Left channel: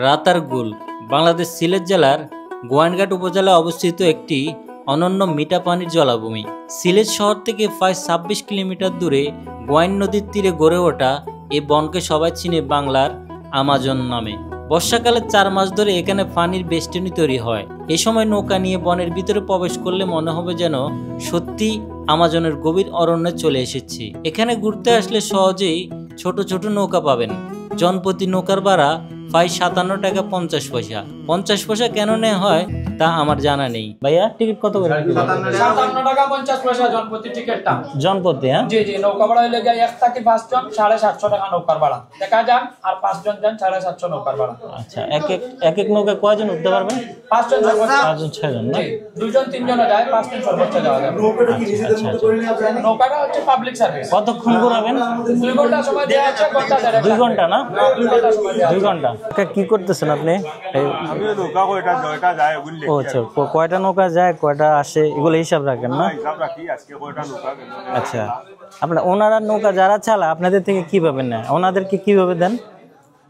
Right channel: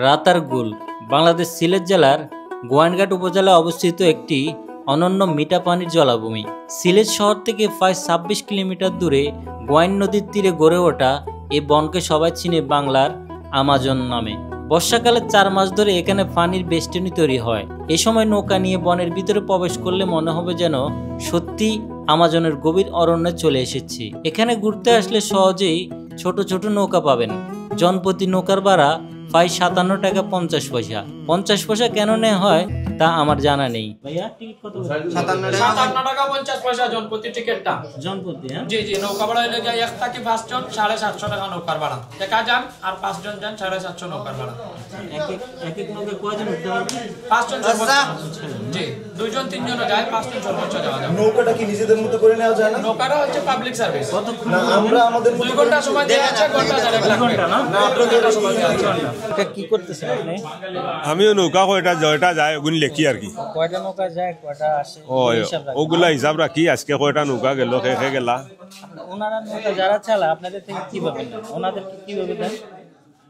রাতারগুল বাংলাদেশ সিলেট জেলার গোয়াইনঘাট উপজেলায় অবস্থিত একটি অনন্য মিঠা পানির জলাভূমি। সিলেট শহর থেকে প্রায় ২৬ কিলোমিটার দূরে গোয়াইন নদীর তীরে গড়ে ওঠা এই বনকে সবাই চিনে বাংলার আমাজন নামে। বর্ষাকালে ৪ মাস ধরে এখানে পানির বেষ্টনী তৈরি হয়। এ সময় নৌকা নিয়ে বনের ভিতরে প্রবেশ করলে মনে হবে যেন সত্যি আমাজনের গভীর অরণ্যে চলে এসেছি। এখানে ঘুরতে আসলে সহজেই ছোট ছোট নৌকা পাবেন। জনপ্রতি নৌকার ভাড়া প্রায় ৫৭ টাকা ৫০ পয়সা। ৫০ পয়সা কেন নেওয়া হয় তা আমার জানা নেই। ভাইয়া টিকিট কত করে? ৫৭ টাকা ৫০ পয়সা জনপ্রতি টিকিটটা। জনপ্রতি? হ্যাঁ জি জি। নৌকা ভাড়া হইলে যায় ১ থেকে ৫ জন ৭৫০ টাকা নৌকার ভাড়া। একা যান আর ৫ জন যান ৭৫০ নৌকার ভাড়া। আচ্ছা, এক এক নৌকা কয়জন উঠতে পারবে? ৫ জন সর্বোচ্চ। ৫ জন ৬ জন। জি, ২ জন ৩ জন যায়, ৫ জন সর্বোচ্চ যাওয়া যাবে। নৌকাটা কি নিজেদের মতো করে নেওয়া যায় না? নৌকাটা হচ্ছে পাবলিক সার্ভিস। কতক্ষণ ঘুরবেন? ২ ঘন্টা সময় দেয়া আছে। ঘন্টা যায় ২ ঘন্টা না? ২ ঘন্টা সময় দেয়া আছে। ২ ঘন্টা। কি করতেছেন আপনি? আমিও নৌকা কয়টা জয়টা যায় ওগুলো লিখি আর কয়টা নৌকা যায় কয়টা আসে এগুলো হিসাব রাখেন? ওগুলা হিসাব রাখি। আজকে কয়টা নৌকা গেল কে গেলা। আপনারা ওনারা নৌকা যারা চালা আপনাদের থেকে কিভাবে নেয়? ওনাদেরকে কিভাবে দেন?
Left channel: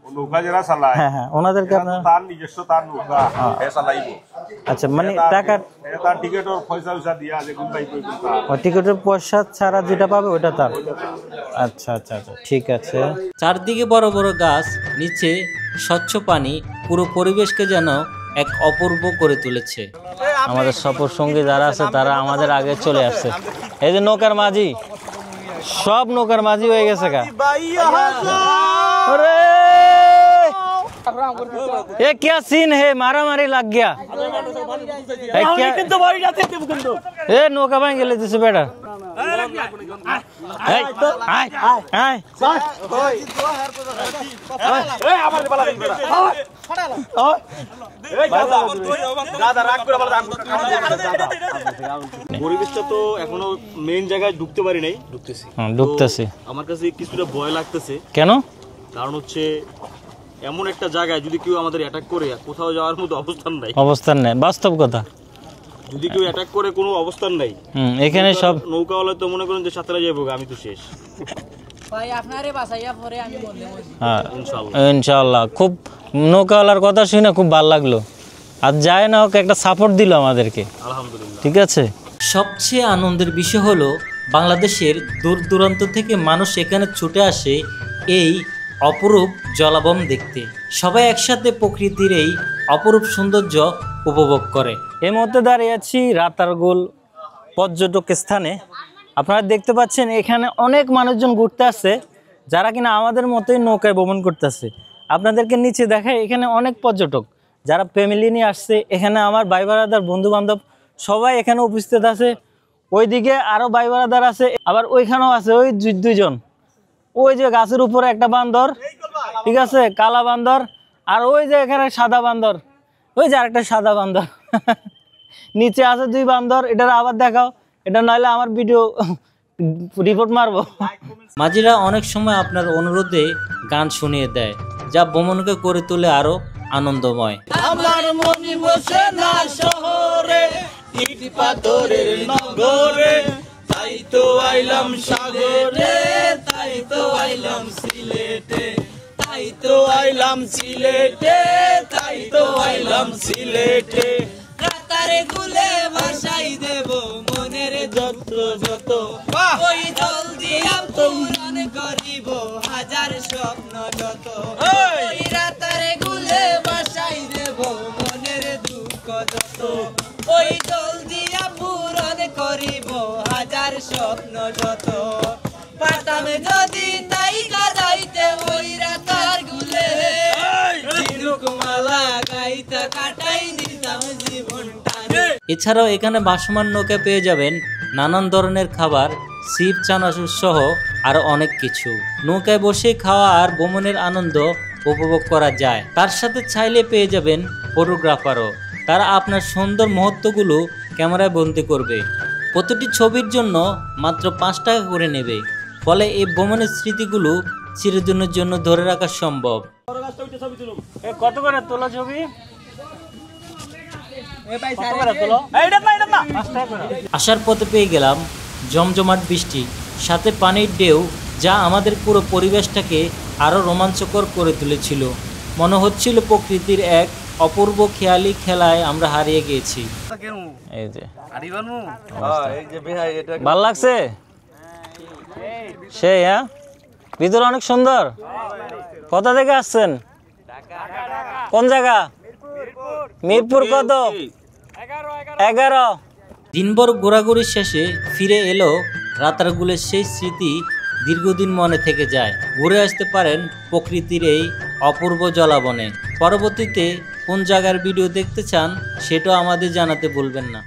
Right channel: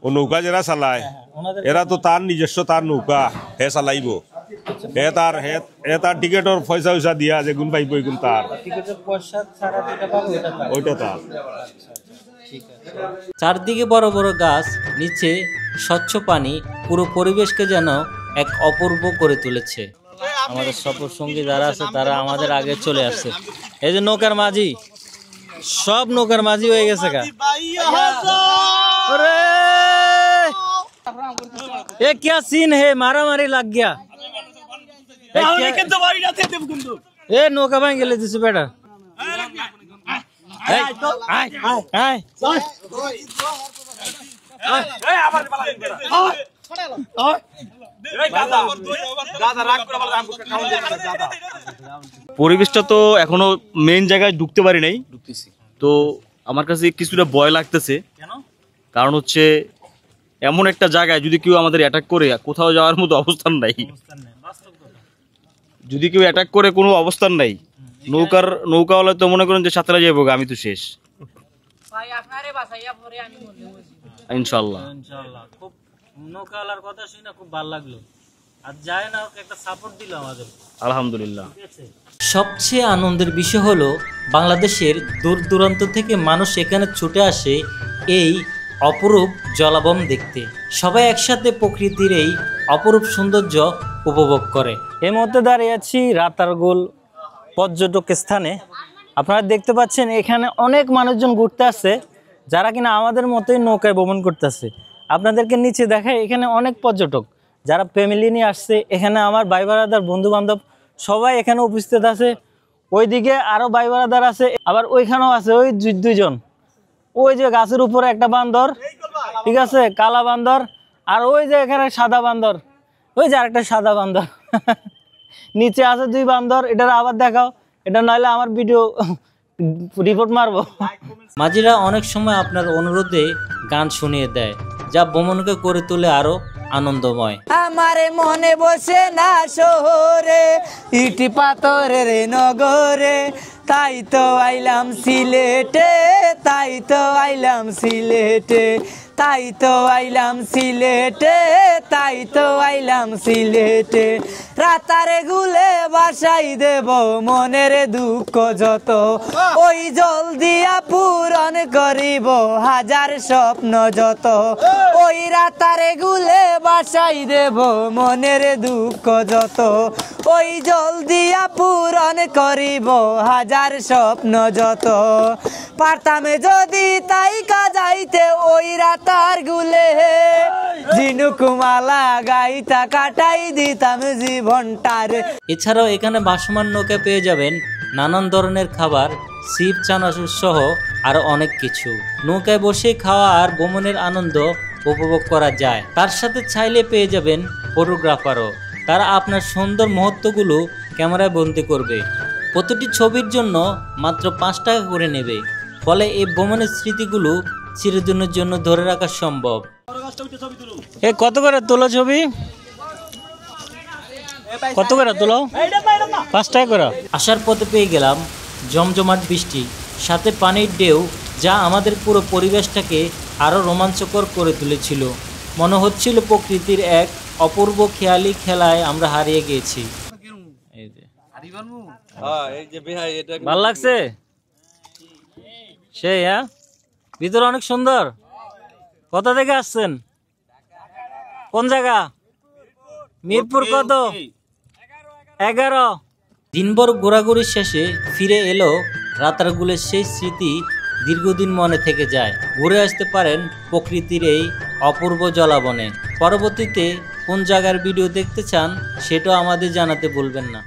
ও নৌকা যারা চালায় হ্যাঁ ওনাদের এরা তো তার নিজস্ব তার নৌকা হে চালাইবো। আচ্ছা, মানে টাকা তার টিকেটর পয়সা দিয়া যে গুণ পাইবো এগুন তার। টিকেটের পয়সা ছাড়া যেটা পাবে ওটা তার। ওইটা তার। আচ্ছা আচ্ছা আচ্ছা, ঠিক আছে। চারদিকে বড় বড় গাছ, নিচে স্বচ্ছ পানি, পুরো পরিবেশকে যেন এক অপূর্ব করে তুলেছে। আমাদের সফর সঙ্গী যারা আছে তারা আমাদের আগে চলে আসছে। এই যে নৌকার মাঝি, সব নৌকার মাঝি হয়ে গেছে। ये क्या सीन है? मारा मारी लग गया। ए नौका भाई गेले तुझे बेटा। পরিবেশটা তো এখনো মেইন জায়গায় ঢুকতে পারি নাই। ঢুকতেছি। আমার কাছে কিছুটা ভয় লাগতেছে। কেন? কারণ হচ্ছে এমন একটা জায়গায় যদি কেউ আমাদের অ্যাটাক করে, কোথাও যাওয়ার মতো অবস্থান নাই। অবস্থান নেই, বাস্তব কথা। যদি কেউ অ্যাটাক করে কোনো অবস্থান নাই। এখানে নৌকাওয়ালা তো মনে করেন যে সাঁতরা যাবো, আমি তো শেষ। ইনশাআল্লাহ। খুব নৌকাওয়ালার কথা শুনে খুব ভালো লাগলো। আর যায় না হোক একটা সাপোর্ট দিল আমাদেরকে, আলহামদুলিল্লাহ। ঠিক আছে। সবচেয়ে আনন্দের বিষয় হলো বাংলাদেশের দূর দূরান্ত থেকে মানুষ এখানে ছুটে আসে এই অপরূপ জলাভূম দেখতে। সবাই একসাথে প্রকৃতির এই অপরূপ সৌন্দর্য উপভোগ করে। এই মুহূর্তে দাঁড়িয়ে আছি রাতারগুল পর্যটক স্থানে। আপনারা দেখতে পাচ্ছেন এখানে অনেক মানুষজন ঘুরতে আসছে, যারা কিনা আমাদের মতোই নৌকায় ভ্রমণ করতেছে। আপনাদেরকে নিচে দেখায় এখানে অনেক পর্যটক যারা ফ্যামিলি নিয়ে আসছে। এখানে আমার ভাই বারাদার বন্ধু বান্ধব সবাই এখানে উপস্থিত আছে। ওইদিকে আরও ভাই বারাদার আছে, আবার ওইখানেও আছে ওই ২ জন। ওই যে গাছের উপরে একটা বান্দর, ঠিক আছে, কালা বান্দর। আর ওই যে এখানে সাদা বান্দর, ওই যে আরেকটা সাদা বান্দর। নিচে আছে 2 বান্দর। এটার আবার দেখাও, এটা নইলে আমার ভিডিও রিপোর্ট মারবো। মাঝিরা অনেক সময় আপনার অনুরোধে গান শুনিয়ে দেয়, যা ভ্রমণকে করে তোলে আরো আনন্দময়। আমার মনে বসে না শহরে, ইটি পাথরের নগরে, তাই তো আইলাম সিলেটে, তাই তো আইলাম সিলেটে, তাই তো আইলাম সিলেটে, তাই তো আইলাম সিলেটে। রাতারে গুলে বাসাই দেব মনের দুঃখ যত, ওই জল দিয়া পূরণ করিব হাজার স্বপ্ন যত। ওই রাতারে গুলে বাসাই দেব মনের দুঃখ যত, ওই জল দিয়া পূরণ করিব হাজার স্বপ্ন যত। পারতাম যদি তাই কাজাইতে ওই রাতার গুলে, জিনুকুমালা গাইতা কাটাই দিতাম জীবনটারে। এছাড়াও এখানে ভাসমান নৌকা পেয়ে যাবেন নানান ধরনের খাবার, সিপ, চানাচুর সহ আরো অনেক কিছু। নৌকায় বসে খাওয়া আর ভ্রমণের আনন্দ উপভোগ করা যায়। তার সাথে চাইলে পেয়ে যাবেন ফটোগ্রাফারও। তারা আপনার সুন্দর মুহূর্তগুলো ক্যামেরায় বন্দি করবে। প্রতিটি ছবির জন্য মাত্র ৫ টাকা করে নেবে। ফলে এই ভ্রমণের স্মৃতিগুলো চিরদিনের জন্য ধরে রাখা সম্ভব। কত করে তোলো ছবি? কত করে তোলো? ৫ টাকা করে। আসার পথে পেয়ে গেলাম জমজমাট বৃষ্টি, সাথে পানির ঢেউ, যা আমাদের পুরো পরিবেশটাকে আরও রোমাঞ্চকর করে তুলেছিল। মনে হচ্ছিল প্রকৃতির এক অপূর্ব খেয়ালি খেলায় আমরা হারিয়ে গিয়েছি। এই যে ভাল লাগছে সেই, হ্যাঁ ভিতর অনেক সুন্দর। কোথা থেকে আসছেন? কোন জায়গা? মিরপুর কত? 11। দিনভর ঘোরাঘুরির শেষে ফিরে এলো রাতারগুলের সেই স্মৃতি দীর্ঘদিন মনে থেকে যায়। ঘুরে আসতে পারেন প্রকৃতির এই অপূর্ব জলাবনে। পরবর্তীতে কোন জায়গার ভিডিও দেখতে চান সেটাও আমাদের জানাতে ভুলবেন না।